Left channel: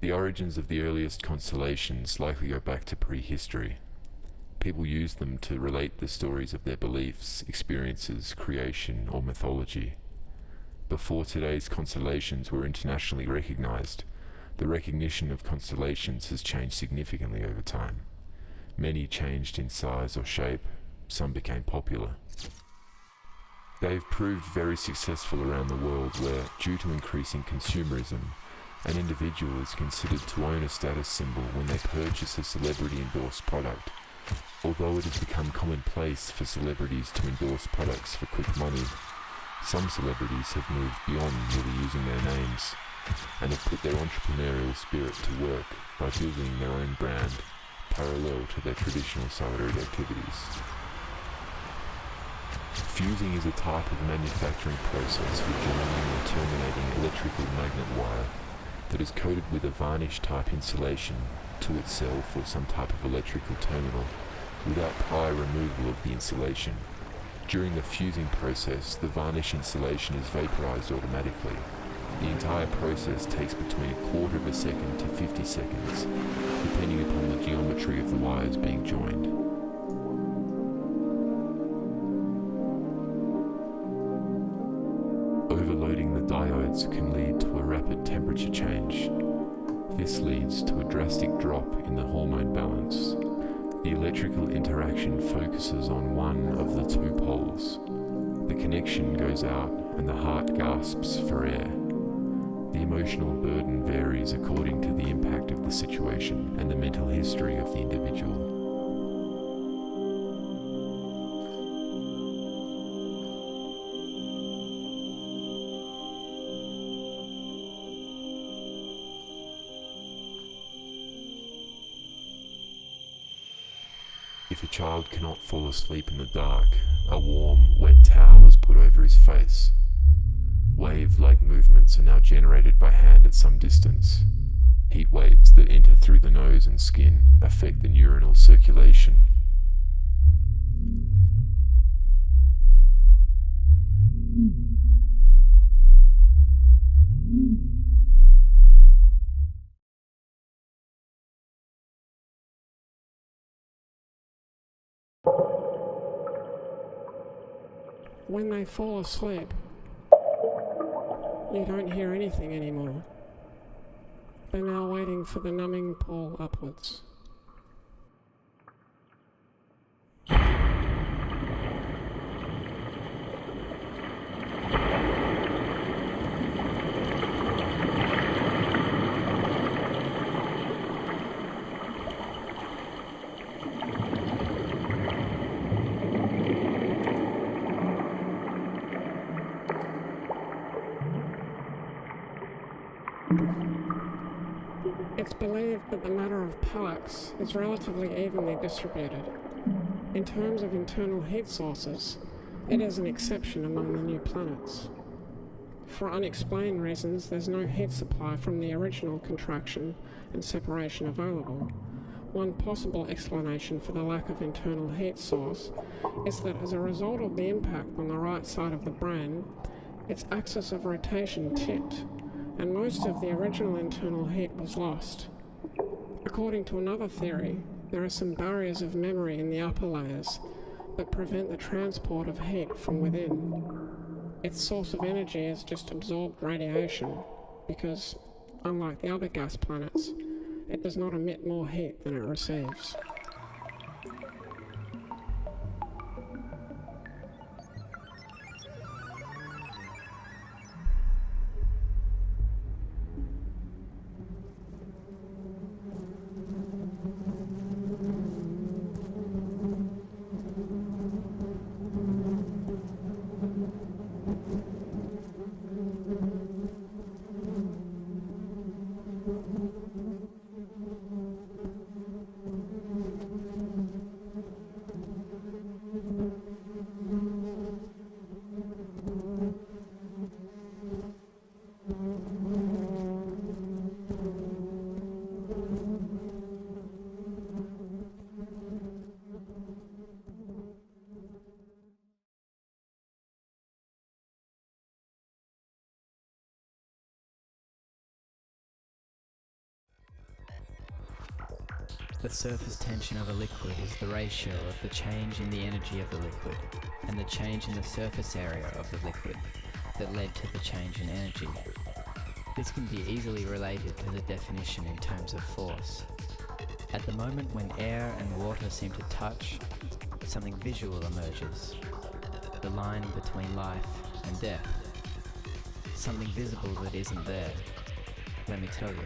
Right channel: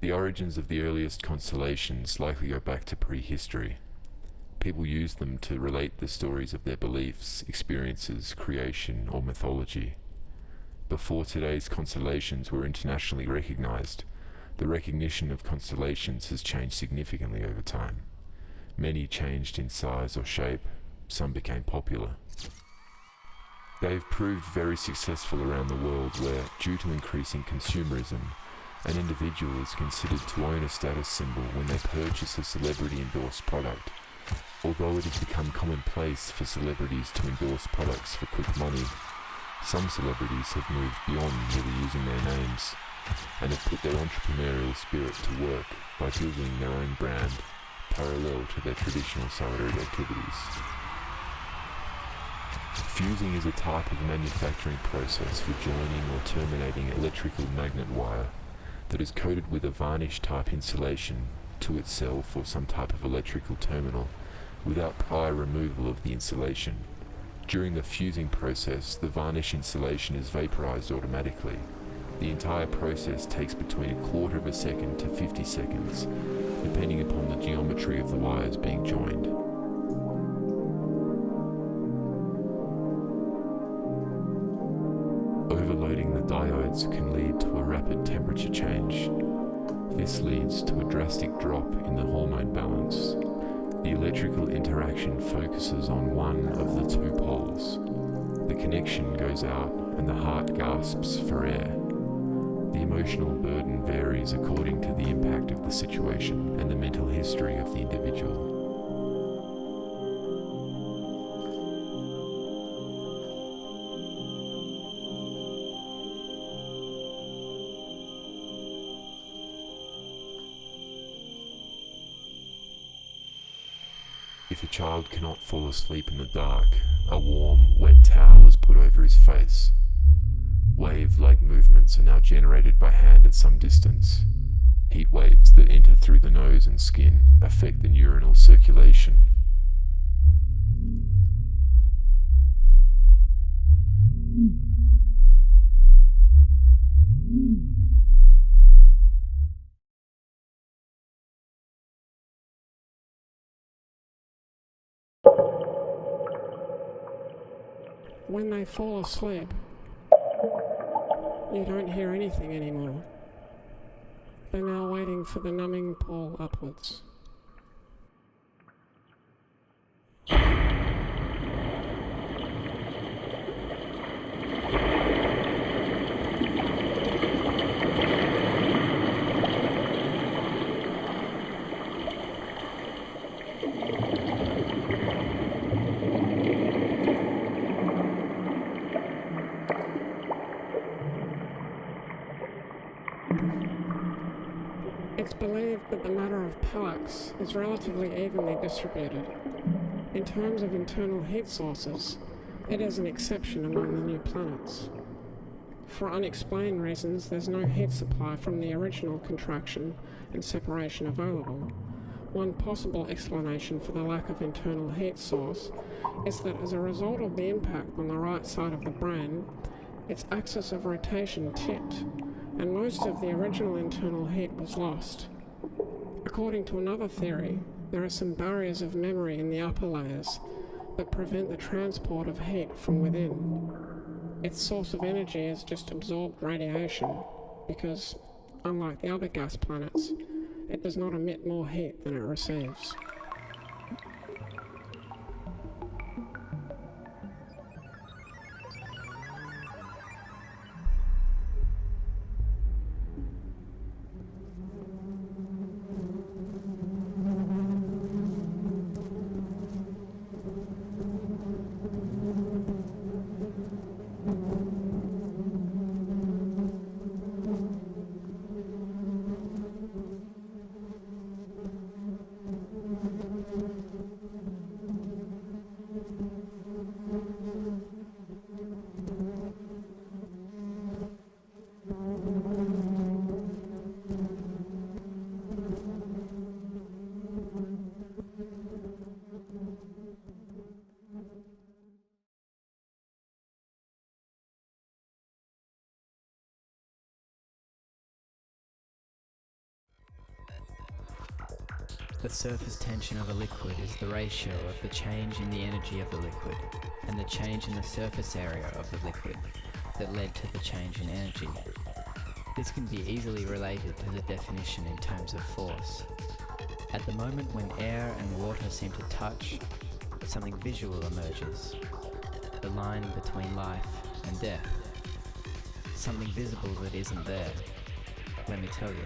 The origins of the earliest constellations likely go back to prehistory. People used them to relate the stories of their beliefs, experiences, creation, or mythology. Before today's constellations were internationally recognized, the recognition of constellations has changed significantly over time. Many changed in size or shape, some became popular. They've proved very successful around the world where, due to increasing consumerism, an individual is considered to own a status symbol when they purchase a celebrity-endorsed product. Although it has become commonplace for celebrities to endorse products for quick money, some celebrities have moved beyond merely using their names and have put their entrepreneurial spirit to work by building their own brand parallel to their traditional salaried activities. Fusing is a type of manufacturing process for joining or terminating electrical magnet wire that is coated with a varnish-type insulation to itself or some type of electrical terminal without prior removal of the insulation. During the fusing process, the varnish insulation is vaporized automatically. The entire process takes between a quarter of a second to 50 seconds, depending upon the geometry of the wires being joined. Overloading the diodes can lead to a rapid temperature change. This leads to a drastic drop in the hormone balance. The electrical interaction focuses on one of the two poles. The connection goes out and the heart gasps for air. The emotional burden varies according to the impact of the situation and the mental history of the individual. If a child cannot fall asleep in the dark, a warm, wet towel is put over his face. Wave-like movements are now generated by hand at some distance. Heat waves that enter through the nose and skin affect the neuronal circulation. When they fall asleep, you don't hear anything anymore. They're now waiting for the numbing pull upwards. It's believed that the matter of Palax is relatively evenly distributed. In terms of internal heat sources, it is an exception among the new planets. For unexplained reasons, there's no heat supply from the original contraction and separation available. One possible explanation for the lack of internal heat source is that as a result of the impact on the right side of the brain, its axis of rotation tipped, and most of the original internal heat was lost. According to another theory, there are some barriers of memory in the upper layers that prevent the transport of heat from within. Its source of energy is just absorbed radiation, because, unlike the other gas planets, it does not emit more heat than it receives. The surface tension of a liquid is the ratio of the change in the energy of the liquid and the change in the surface area of the liquid that led to the change in energy. This can be easily related to the definition in terms of force. At the moment when air and water seem to touch, something visual emerges, the line between life and death. Something visible that isn't there. Let me tell you,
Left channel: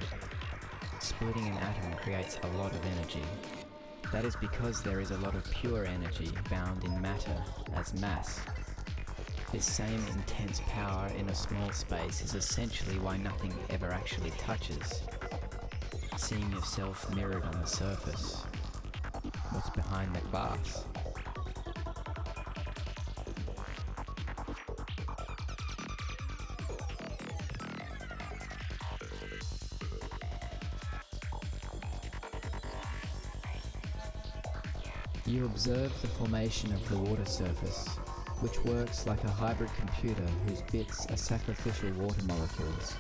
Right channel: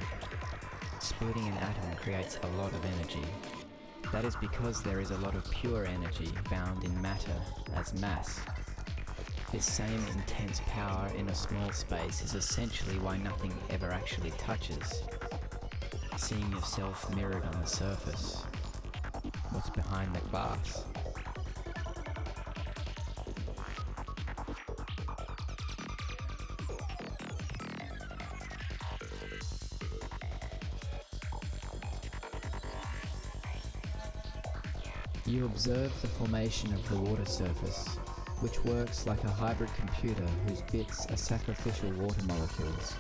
splitting an atom creates a lot of energy. That is because there is a lot of pure energy bound in matter as mass. This same intense power in a small space is essentially why nothing ever actually touches. Seeing yourself mirrored on the surface. What's behind the glass? You observe the formation of the water surface, which works like a hybrid computer whose bits are sacrificial water molecules.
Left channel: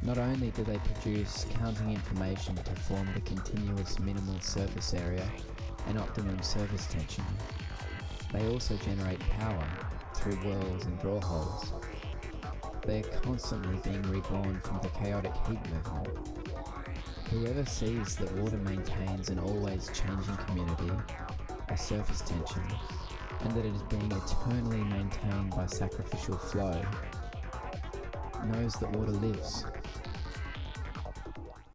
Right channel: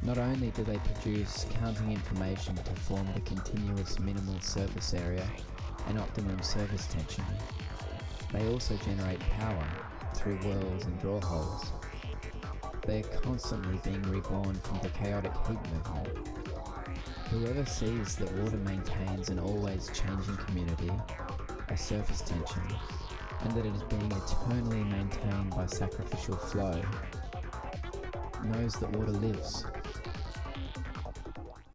Not only do they produce counting information to form the continuous minimal surface area and optimum surface tension, they also generate power through whirls and draw holes. They are constantly being reborn from the chaotic heat movement. Whoever sees that water maintains an always changing community, a surface tension, and that it is being eternally maintained by sacrificial flow, knows that water lives